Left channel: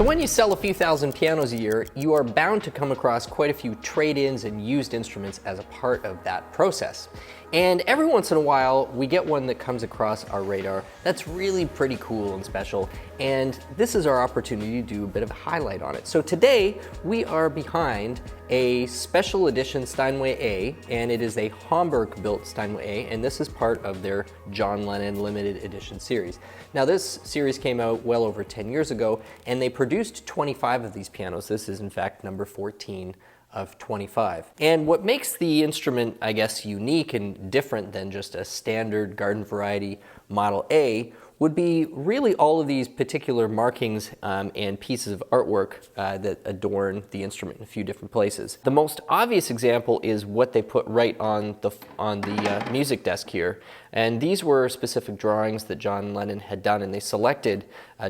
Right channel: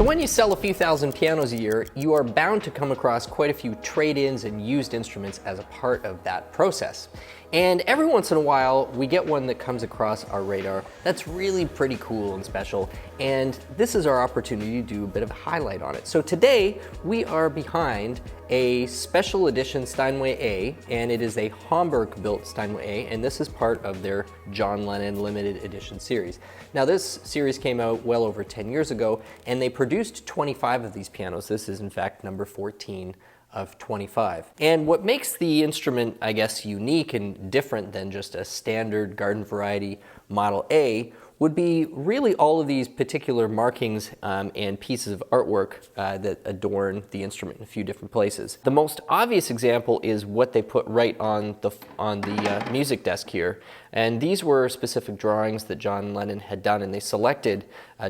So when you sell a few thousand pianos a year, you are bound to come across quite a few trade-ins and used instruments as a part of that process. And every once in a while, we get one that comes across our radar that's really pretty cool and special, and this is our opportunity to do a bit of a highlight on it. So today, we are behind a special edition Steinway A, and it is a Hamburg-built Steinway A, and this is part of their John Lennon limited edition series. Now this series came out well over 10 years ago, and they produced 25 of these pianos. This is in fact number 14 of 25. And what makes the instrument, I guess, unique and different than just a standard garden variety Model A would be really all of these particular markings and pieces of artwork that adorn the instrument in a few different places. The most obvious example is what they put right on the music desk here. And these were specific drawings that John Lennon had done, and they selected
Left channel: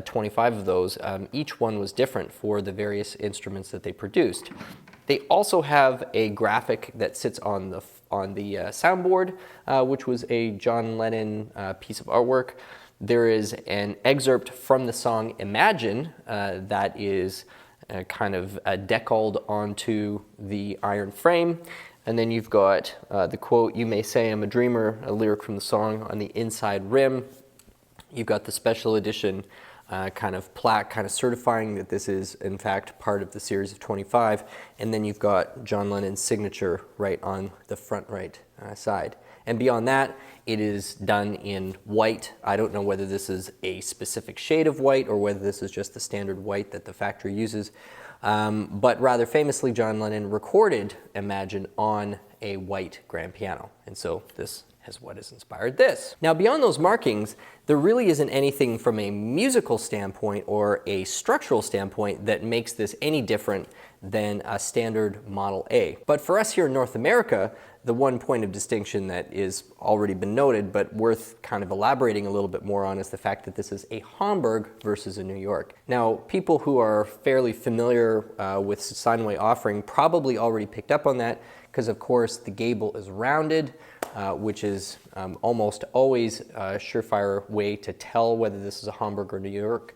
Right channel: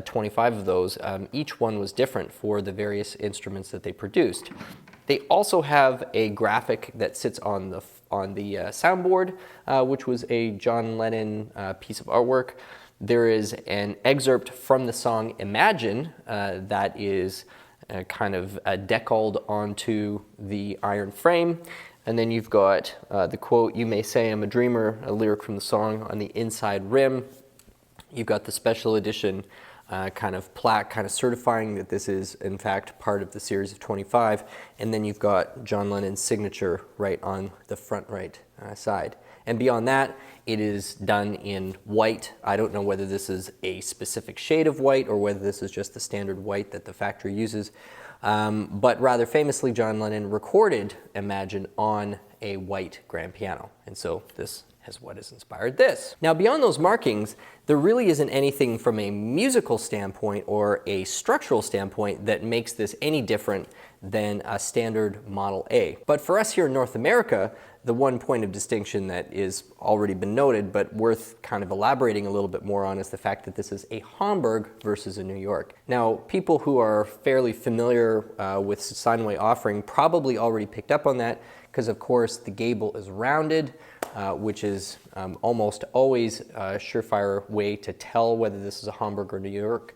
25 of those. Each one was different for the various instruments that they produced. They also have a graphic that sits on the soundboard, which was a John Lennon piece of artwork. There is an excerpt from the song Imagine that is kind of decaled onto the iron frame. And then you've got the quote, "You may say I'm a dreamer," a lyric from the song, on the inside rim. You've got the special edition kind of plaque, kind of certifying that this is in fact part of the series of 25. And then you've got John Lennon's signature right on the front right side. And beyond that, it is done in white. I don't know whether this is a specific shade of white or whether this is just the standard white that the factory uses. But rather famously, John Lennon recorded Imagine on a white grand piano. And so this is what has inspired this. Now, beyond those markings, there really isn't anything from a musical standpoint or a structural standpoint that makes this any different than a standard Model A. But for us here in North America, the one point of distinction that is already been noted but worth kind of elaborating a little bit more on is the fact that this is a Hamburg versus a New York. Now, people who are fairly familiar with Steinway offering probably already picked up on that, because of course the gable is rounded, which is almost always a surefire way to tell whether this is a Hamburg or New York.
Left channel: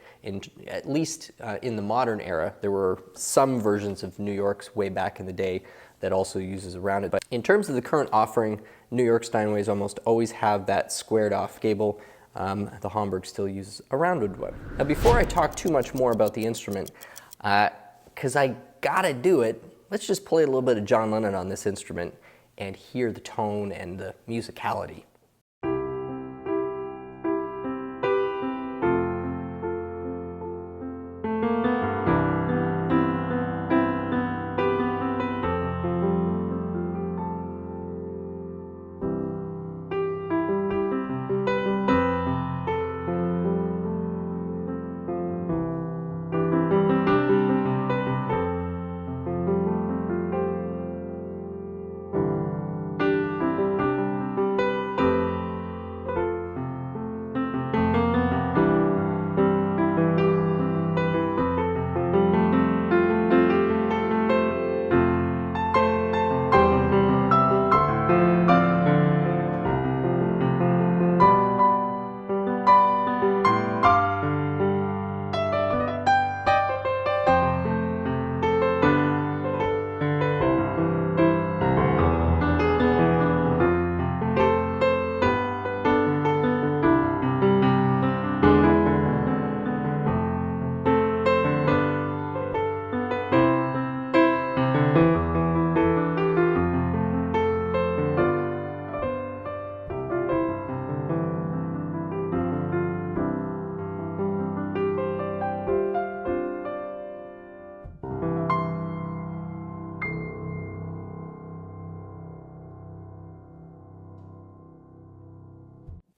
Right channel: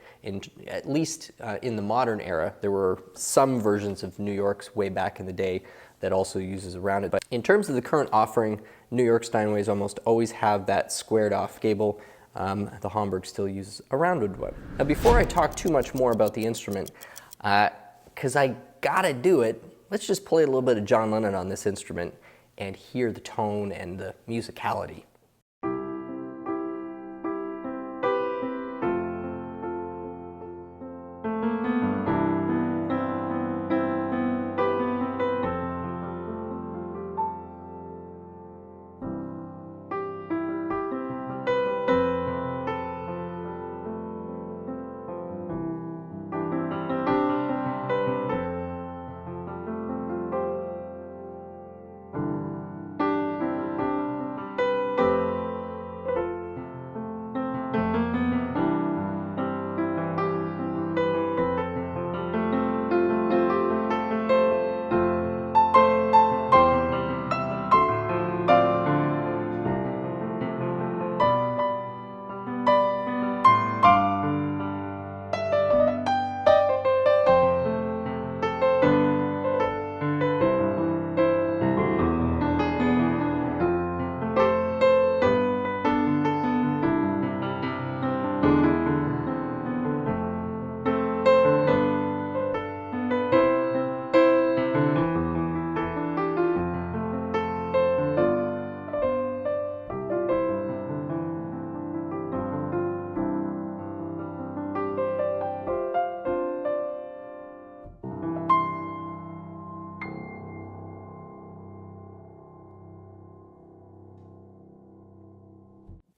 At least in the modern era, there were some versions of New Yorks way back in the day that also uses a rounded. But in terms of the current offering, New York Steinways almost always have that squared off gable. The Hamburg still uses a rounded one. Now, before I talk too much more about the instrument, because I gotta do it, let's just play a little bit of John Lennon on this instrument and hear the tone and the musicality.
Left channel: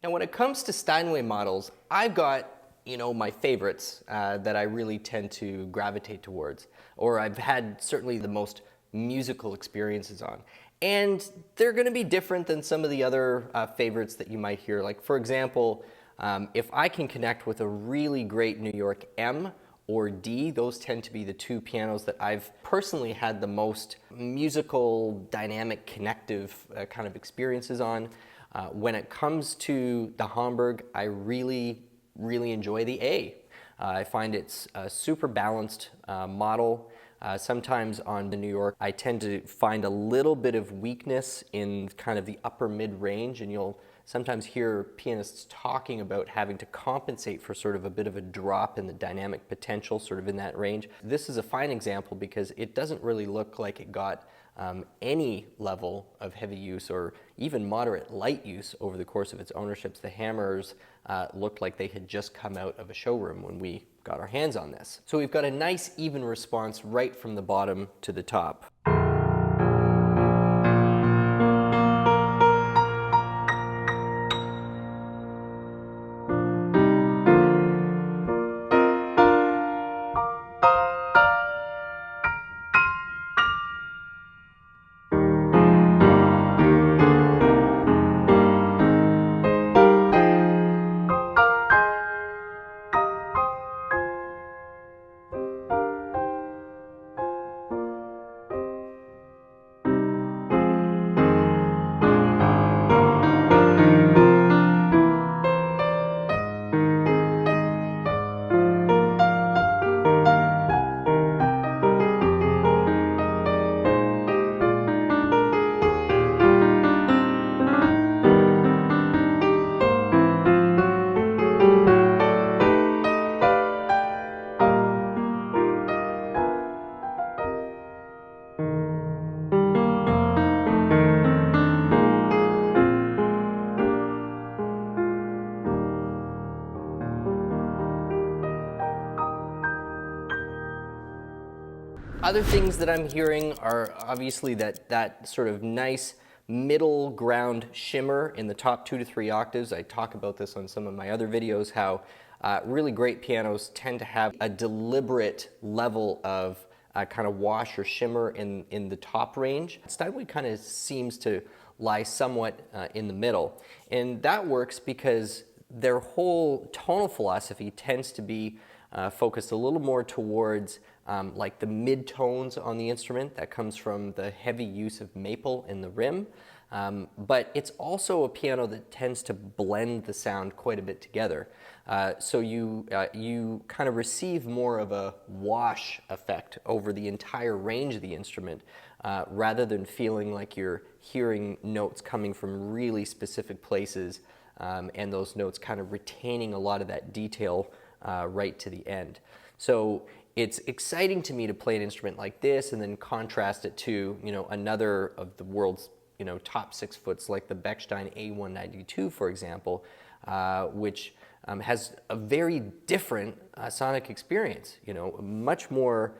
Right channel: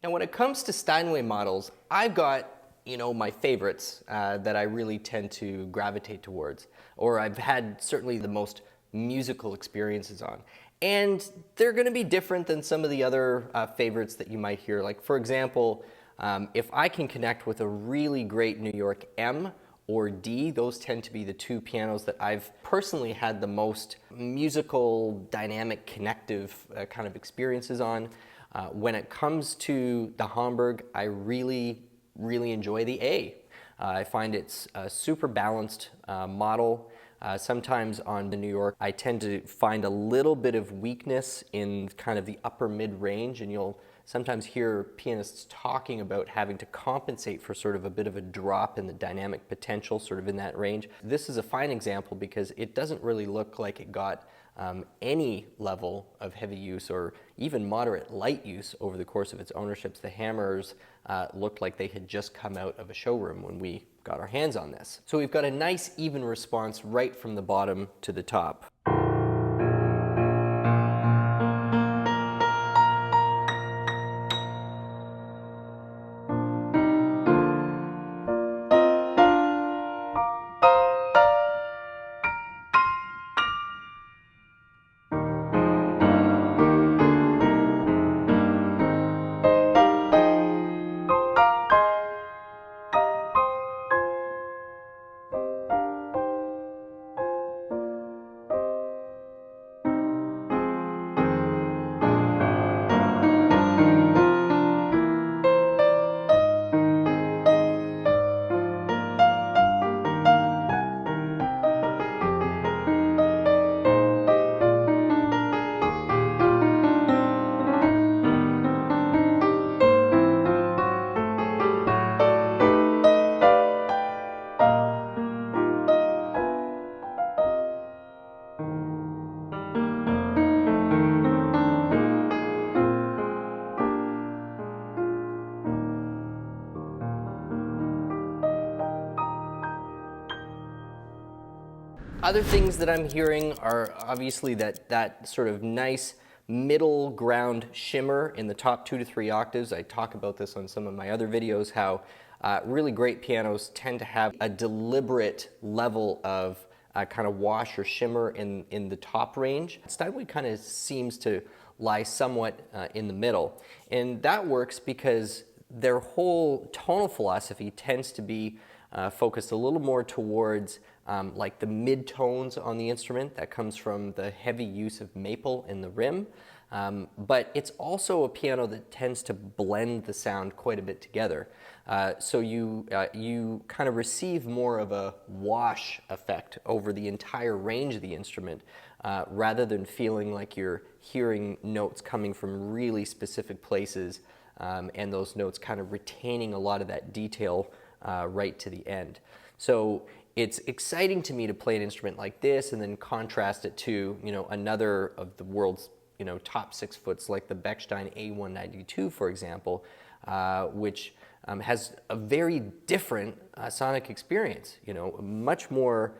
Now, when it comes to Steinway models, I've got, my favorites that I really tend to gravitate towards, or I've had certainly the most musical experiences on. And they're going to be different than some of the other favorites that you might hear. Like, for example, if I can connect with a really great New York M or D, those tend to be the two pianos that I've personally had the most musical, dynamic, connective kind of experiences on. When it comes to the Hamburg, I really enjoy the A. I find it's a super balanced model. Sometimes on the New York, I tend to find a little bit of weakness in kind of the upper mid-range, and you'll sometimes hear pianists talking about having to compensate for sort of a bit of a drop in the dynamic potential sort of in that range. This is a fine example because it doesn't really look like it got any level of heavy use or even moderate light use over the course of its ownerships. The hammers looked like they had just come out of a showroom when we got our hands on this. So we've got a nice even response right from the bottom to the top. Other things that I'm hearing are obviously that sort of nice middle ground shimmer in the top 2 to 3 octaves. I talk about this on some of my other videos, how really great pianos tend to have a deliberate level of kind of wash or shimmer in the top range. Steinway kind of seems to lie somewhat in the middle. And that works because their whole tonal philosophy tends to be focused a little more towards like the mid-tones on the instrument. That comes from the heavy use of maple in the rim. But it's also a piano that tends to blend the sound quite a bit together. So you kind of receive more of a wash effect over the entire range of the instrument, rather than feeling like you're hearing notes coming from really specific places, and those notes kind of retaining a lot of that detail right to the end. So it's exciting to me to play an instrument like this and then contrast it to, another of the world's, top 6 foots like the Bechstein A192, for example, which has a very different sonic experience, much more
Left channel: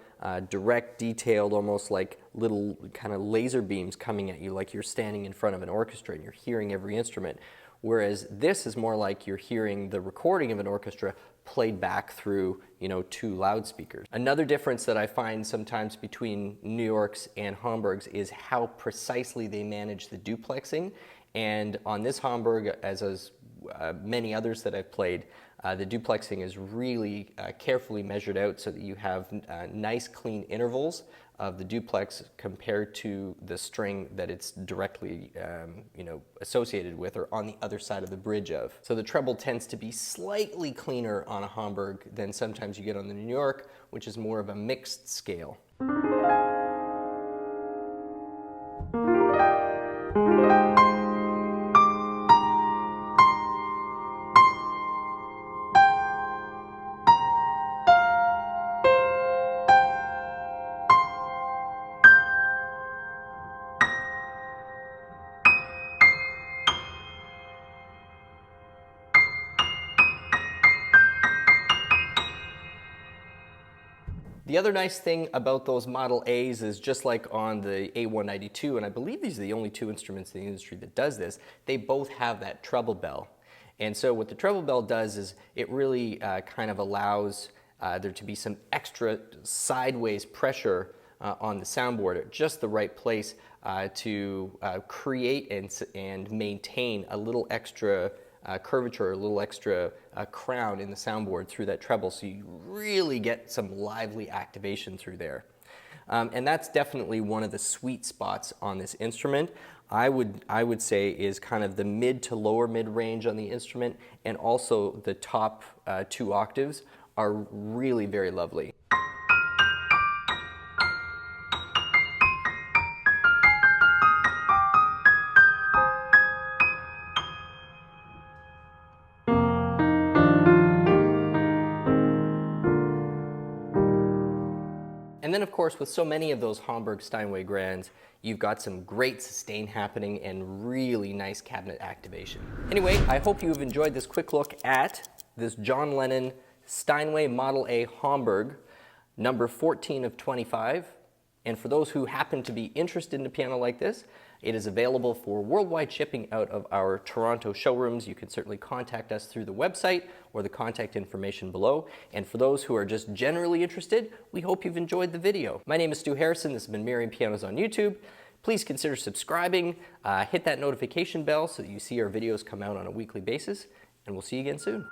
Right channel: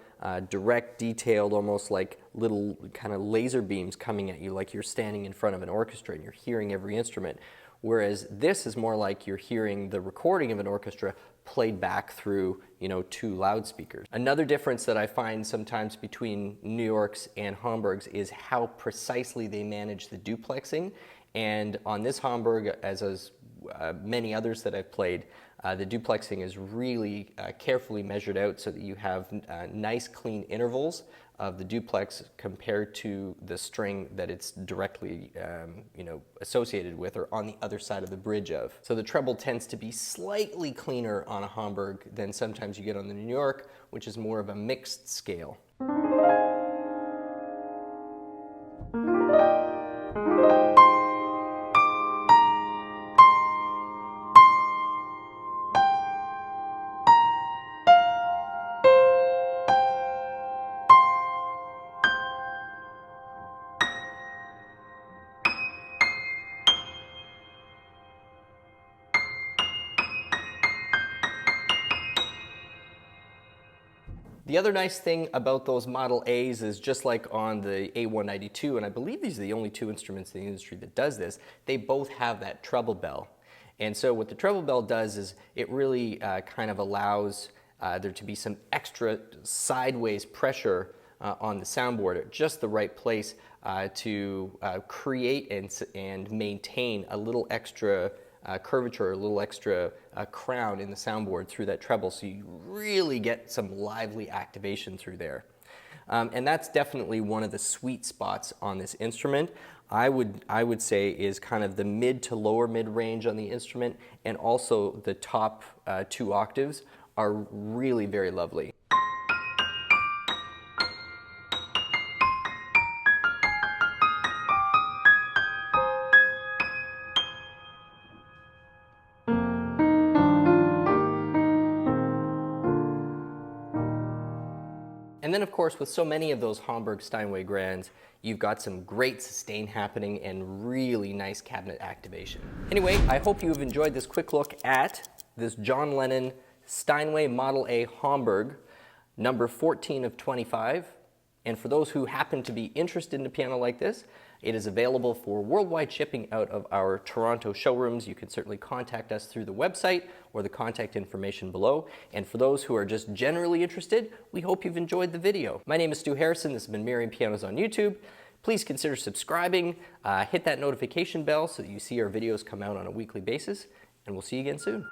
direct, detailed, almost like little kind of laser beams coming at you like you're standing in front of an orchestra and you're hearing every instrument. Whereas this is more like you're hearing the recording of an orchestra played back through, 2 loudspeakers. Another difference that I find sometimes between New York's and Hamburg's is how precisely they manage the duplexing. And on this Hamburg, as many others that I've played, the duplexing is really carefully measured out so that you have nice clean intervals of the duplex compared to the string that it's directly associated with or on the other side of the bridge of. So the treble tends to be slightly cleaner on a Hamburg than sometimes you get on the New York, which is more of a mixed scale. The other nice thing about those Model A's is just like on the A192, and I believe these are the only 2 instruments in the industry that does this, they both have that treble bell. And so what the treble bell does is it really kind of allows there to be some extra sideways pressure on the soundboard at just the right place to create and maintain a little extra curvature, a little extra crown in the soundboard through that treble, so you really get some lively activation through there. And that's definitely one of the sweet spots on this instrument. I would say is kind of the mid to lower mid range on the instrument, and also the top 2 octaves are really very lovely. And then of course, with so many of those Hamburg Steinway grands, you've got some great sustain happening and really nice cabinet activation. Anyway, I hope you've enjoyed this quick look at this John Lennon Steinway Model A Hamburg, number 14 of 25. And for those who happen to be interested in a piano like this, it is available for worldwide shipping out of our Toronto showrooms. You can certainly contact us through the website or the contact information below. And for those who are just generally interested, we hope you've enjoyed the video. My name is Stu Harrison. This has been Merriam Pianos on YouTube. Please consider subscribing, hit that notification bell so that you see our videos come out on a weekly basis, and we'll see you again soon.